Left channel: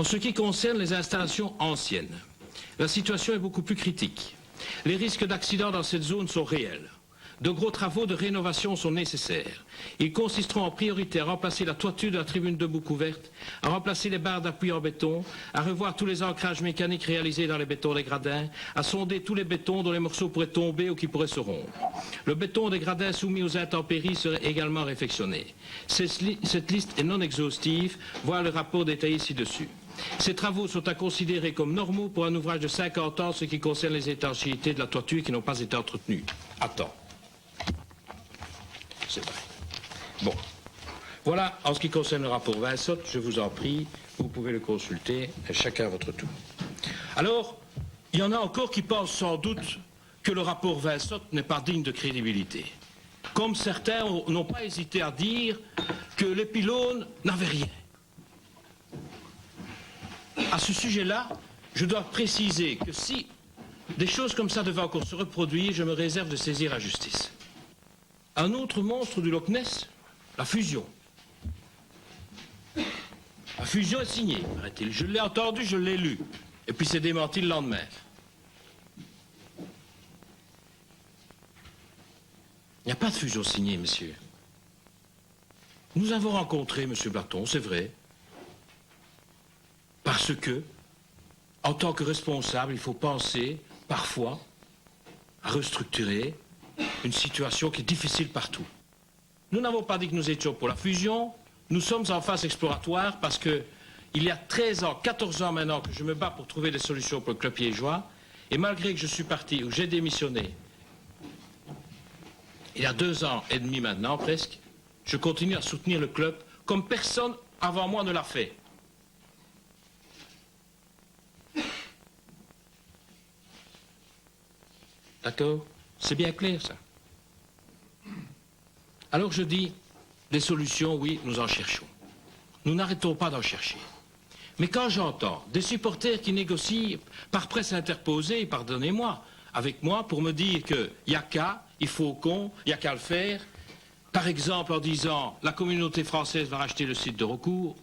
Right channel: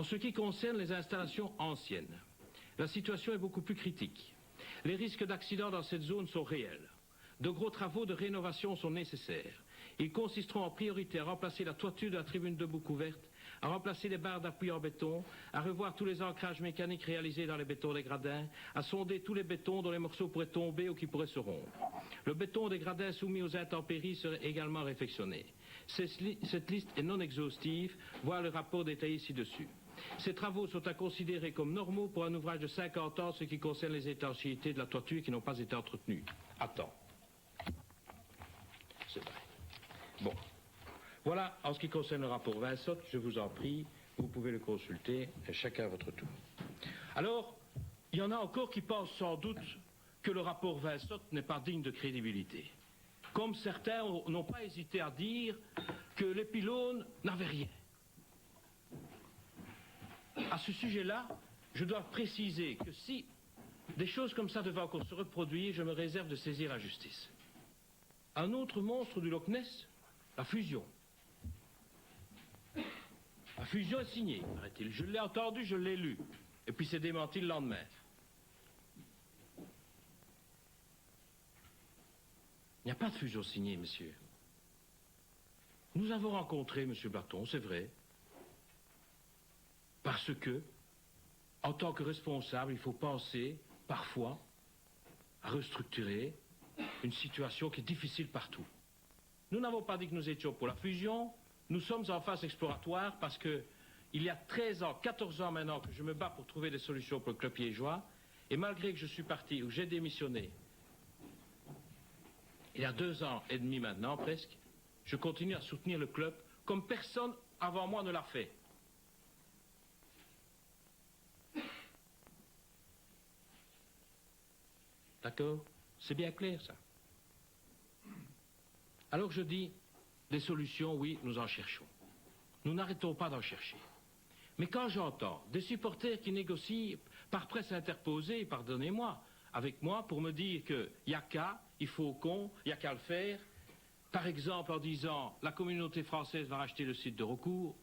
En ce qui concerne les installations anciennes, la situation est beaucoup plus critique. Les risques d'accidents dans cette zone sont réels. De gros travaux de rénovation sont nécessaires. Ils consisteront en priorité à remplacer la toiture de la tribune debout couverte, à remplacer les barres d'appui en béton, à revoir tous les ancrages mécaniques réalisés dans les bétons des gradins, à sonder tous les bétons dont les morceaux pourraient tomber ou qui pourraient se rompre. Le béton des gradins soumis aux intempéries serait également réfectionné. Cette liste est non exhaustive, voir le rapport détaillé ci-dessus. Ces travaux sont à considérer comme normaux pour un ouvrage de 50 ans, ce qui concerne les étanchéités de la toiture qui n'ont pas été entretenues. Attends. C'est vrai. Bon. Voilà, en ce qui concerne le rapport Vincent, je vous en prie, vous pouvez le consulter, chacun à votre tour. Alors, il y en a encore qui pensent sans doute que le rapport Vincent n'est pas digne de crédibilité. Comme certains n'ont pas hésité à dire que les pylônes n'avaient rien. À ce sujet-là, je dois préciser que si des choses comme ça devaient encore se reproduire, je me réserve de saisir la justice. Un autre monstre du Loch Ness, la fusion. La fusion est signée, paraît-il. Je l'ai entendu, je l'ai lu. Et puis c'est démenti le lendemain. Il n'y a pas de fusion signée, monsieur. Nous avons rencontré M. Blaton, c'est vrai. Parce que, en tant que responsable, il faut penser, parfois, à restructurer une situation qui est difficile partout. Nous n'avons pas dit que nous étions pour la fusion, nous sommes en phase exploratoire parce que il y a 13 ans, 14 ans maintenant que je me bats pour trouver des solutions pour le club liégeois, et malgré que je suis parti, ou j'ai démissionné, il y a 2 ans et demi maintenant presque, je continue à soutenir le club comme personne avant moi ne l'a fait. D'accord? C'est bien clair, ça. Alors je dis, des solutions, oui, nous en cherchons. Nous n'arrêtons pas d'en chercher. Mais quand j'entends des supporters qui négocient par presse interposée, pardonnez-moi, avec moi, pour me dire qu'il n'y a qu'à, il faut qu'on, il n'y a qu'à le faire, par exemple en disant, la communauté française va racheter le site de recours,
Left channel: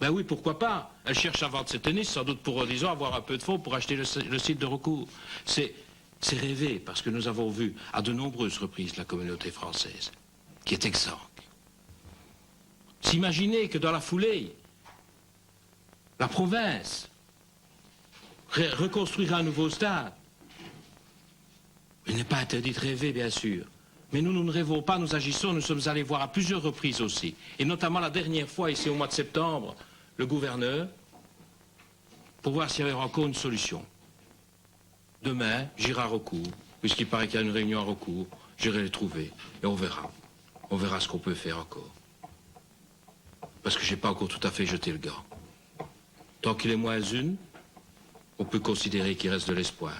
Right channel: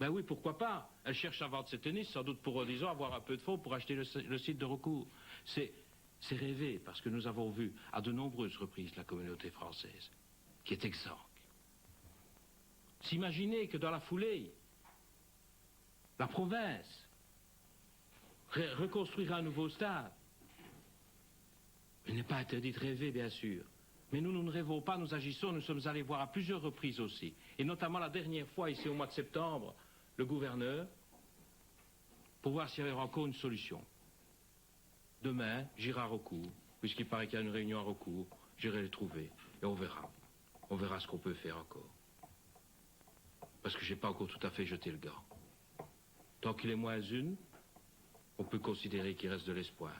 ben oui, pourquoi pas? Elle cherche à vendre ses tennis, sans doute pour, disons, avoir un peu de fonds pour acheter le site de recours. C'est rêvé, parce que nous avons vu à de nombreuses reprises la communauté française, qui est exsangue. S'imaginer que dans la foulée, la province reconstruira un nouveau stade. Il n'est pas interdit de rêver, bien sûr. Mais nous ne rêvons pas, nous agissons, nous sommes allés voir à plusieurs reprises aussi. Et notamment la dernière fois, ici au mois de septembre, le gouverneur, pour voir s'il y avait encore une solution. Demain, j'irai à recours, puisqu'il paraît qu'il y a une réunion à recours, j'irai les trouver, et on verra. On verra ce qu'on peut faire encore. Parce que je n'ai pas encore tout à fait jeté le gant. Tant qu'il est moins une, on peut considérer qu'il reste de l'espoir.